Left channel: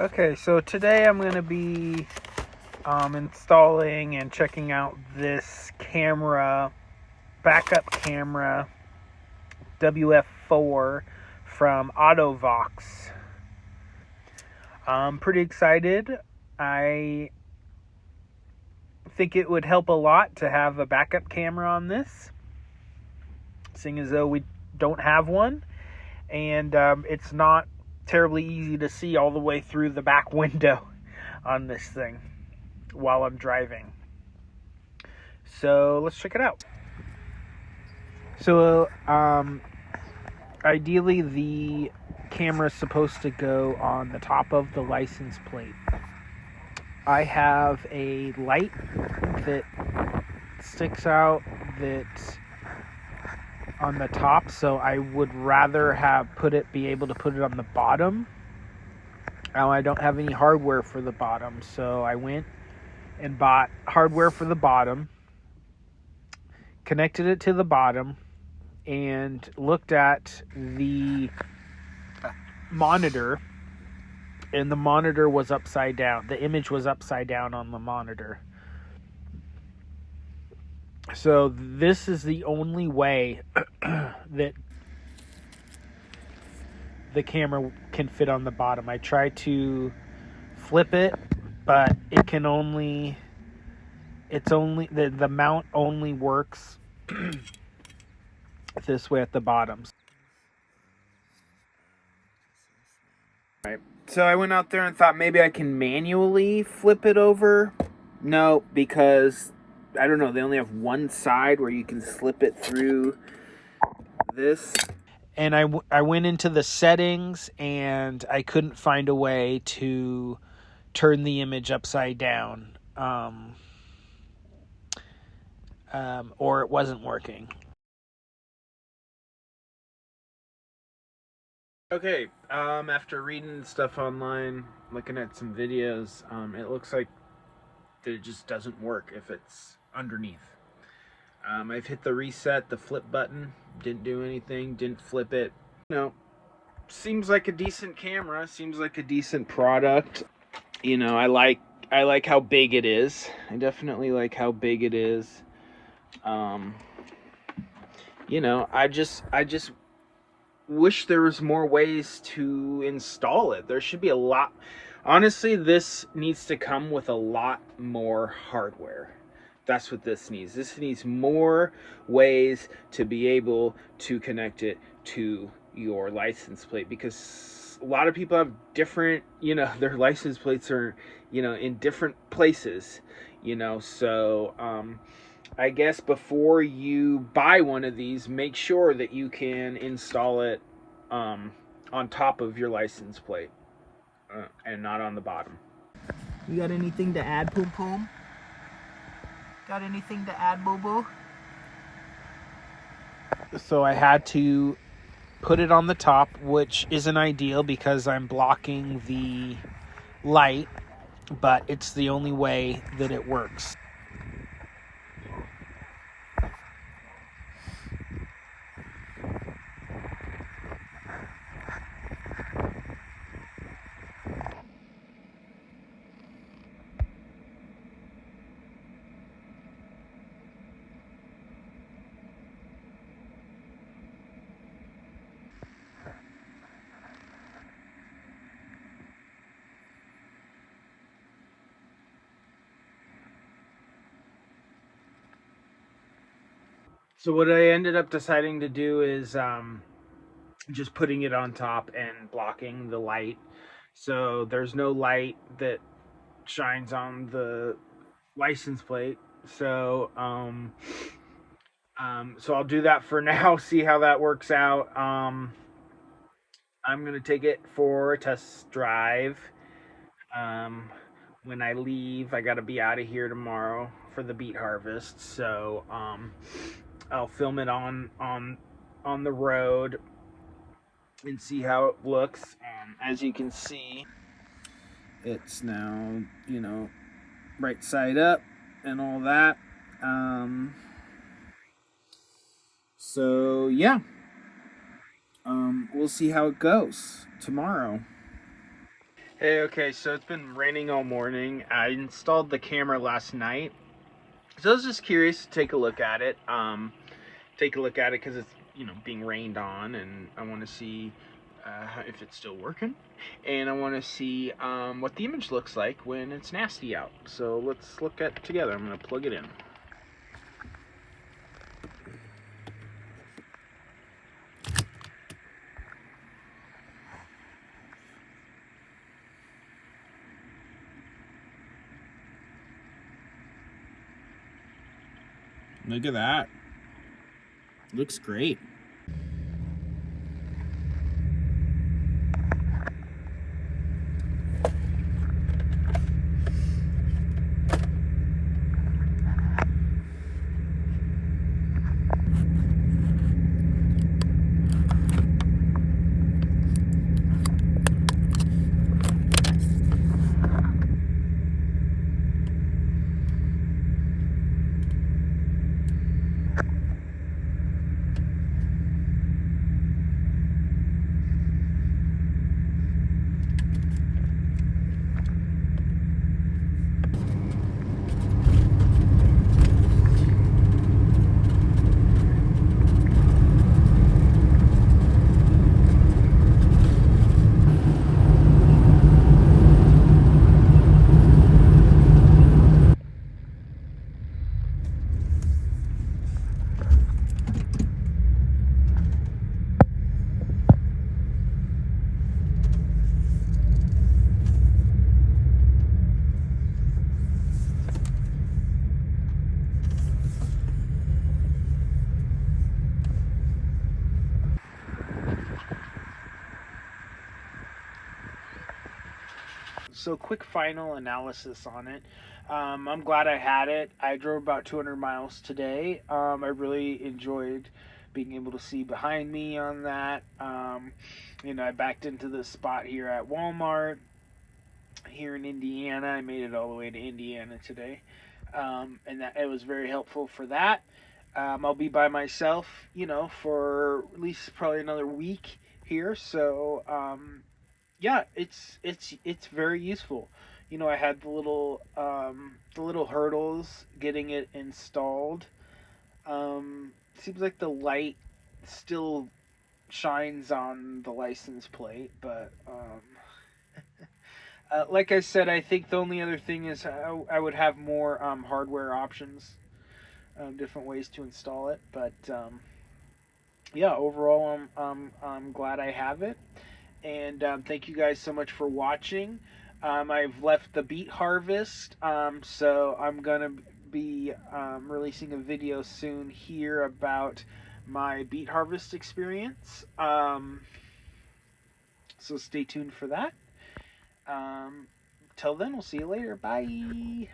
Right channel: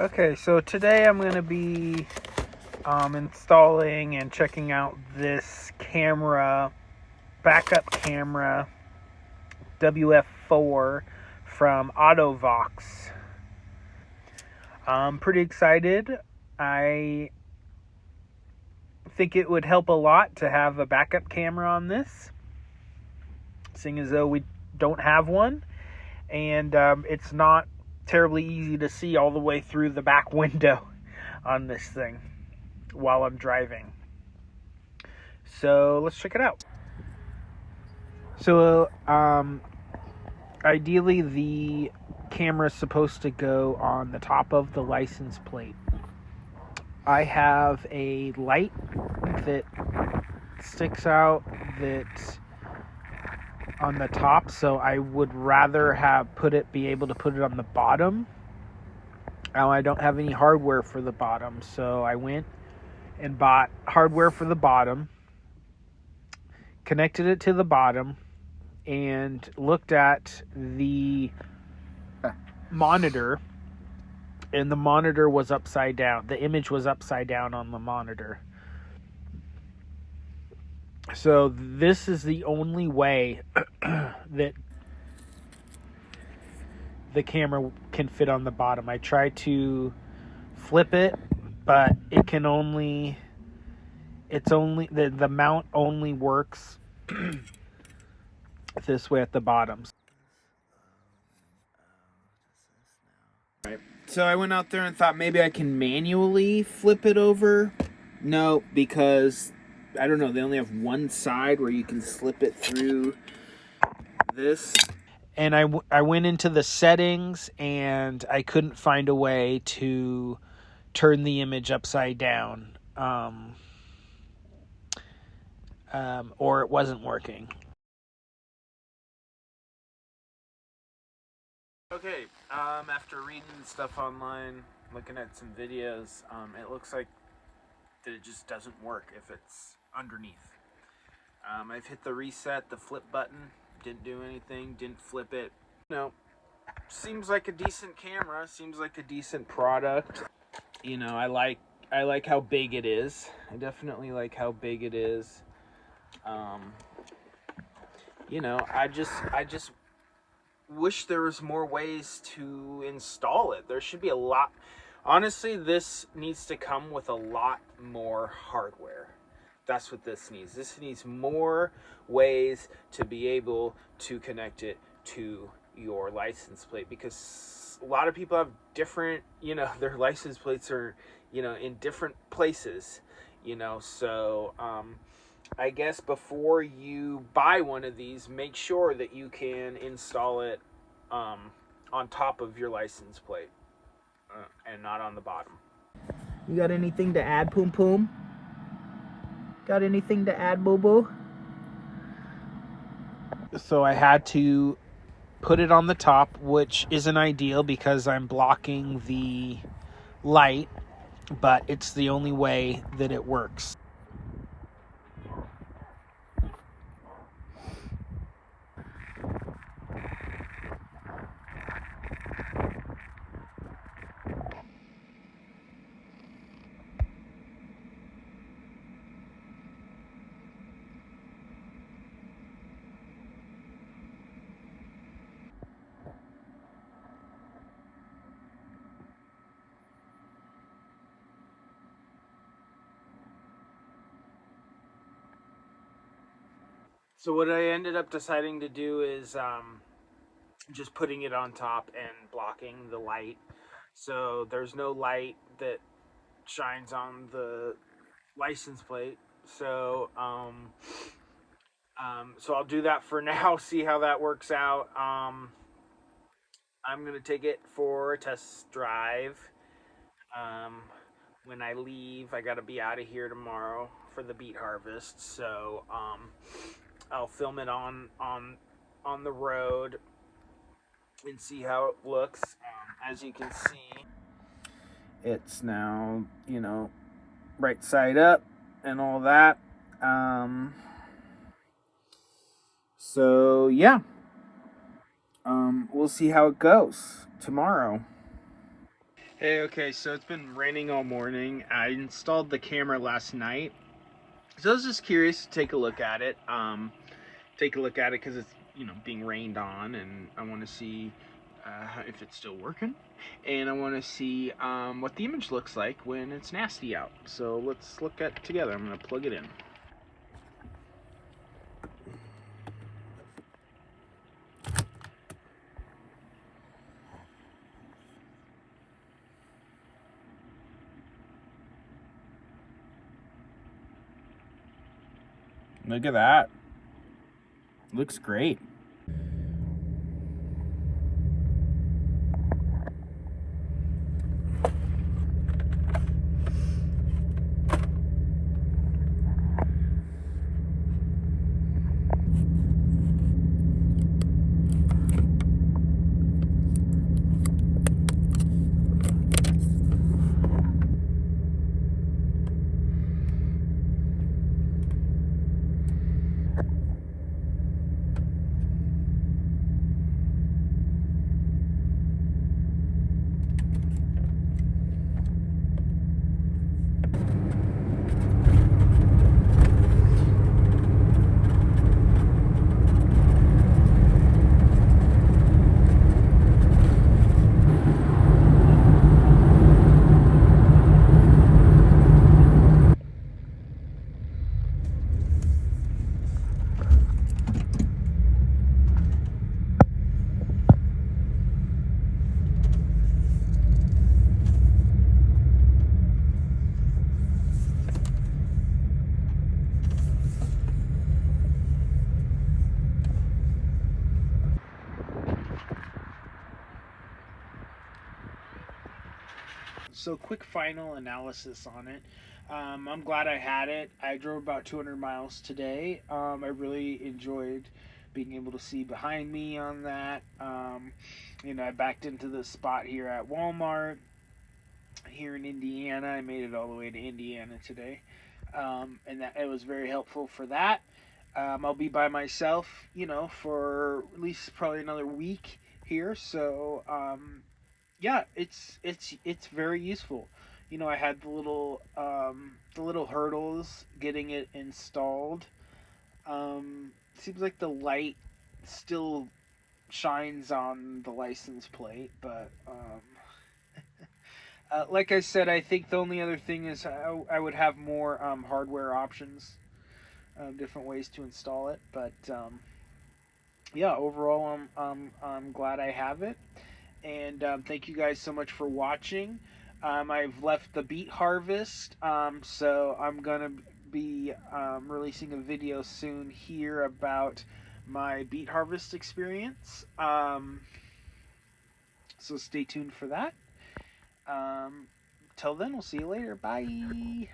Okay, so today I'm going to be installing and checking out this camera, backup camera, WF4 from Autovox. I'm pretty excited. I think it would help a lot to have a backup camera on this, seeing as though we don't have one, and it's not terribly easy to see all the way through the back window on this thing while I'm driving. So let's check it out. So ideally the camera is supposed to go on the top of the license plate. I have a light that sticks out that's on the top, so I would rather be able to put it on the bottom. I don't have any hardware for the bottom, so I went and bought hardware for the bottom, connected it to the bottom, and looked at the monitor, and the monitor was upside down. The image was upside down on the monitor. So this is the only way that the camera can fit on the bottom. I tried to flip it, but the mount only works this way at the bottom. Right. So I went out there and thought maybe I can manually flip it over. No, because I don't know, they only have one side where you can slip it through this. And I went into the settings and I couldn't find a way to turn the image upside down, or it wasn't working. Okay, after reading stuff online, looking at some videos, it looks like that it just doesn't work if it's underneath. I've hit the reset, the flip button, didn't do anything, didn't flip it. Seems like a decent camera, seems like a decent product. I like how big it is. I definitely like how big it is. I just wish there was more ways to install it. There should be a lot. Honestly, this needs to come with a lot more hardware. That's what this needs. This needs more ways to be able to connect it to your license plate, because a lot of people have different, their license plates are, in different places, so I guess before you buy one of these, make sure that you can install it on top of your license plate and not on the bottom. You got anything to add, Poom Poom? Got anything to add, Boo Boo? So I had to put it on the top, which isn't ideal because I'm blocking the light, but it's the only way that it works. So what I ended up deciding to do is just putting it on top and blocking the light. So there's no light that shines on the license plate. So so I'll do that for now, see how that works out. I'm gonna take it for a test drive. When I leave, I gotta be out of here tomorrow for the beet harvest. So I'll film it on the road and see how it looks. As you can see, it's now, right side up and all that. So yeah, we'll see how it goes tomorrow. Hey, okay, so it's been raining all morning. I installed the camera last night, so I was just curious to take a look at it. Because it's being rained on, and I want to see if it's still working, and I want to see what the image looks like when it's nasty out. So let's look at it together. I'm gonna plug it in. Look at that. Looks great. So quick final analysis on it. I'm glad I had it. I drove about 200 miles today. I really enjoyed being able to see behind me on that. I backed into this spot here at Walmart here in Indiana. I made it all the way to Indiana today, and that it was very helpful for that. I'll be by myself, for at least probably another week here. So yeah, it's very useful. I had the little hurdles getting it installed. Seems like the light still shines on the license plate, but like I said, I think the only other thing is I would have more hardware options, different ways to install it. But yeah, overall, I'm glad I have it. And thank you guys so much for watching. I've left the beet harvest, so I'm gonna be releasing a video soon here about my beet harvest experience. So stay tuned for that. Till then, we'll see you later. Bye.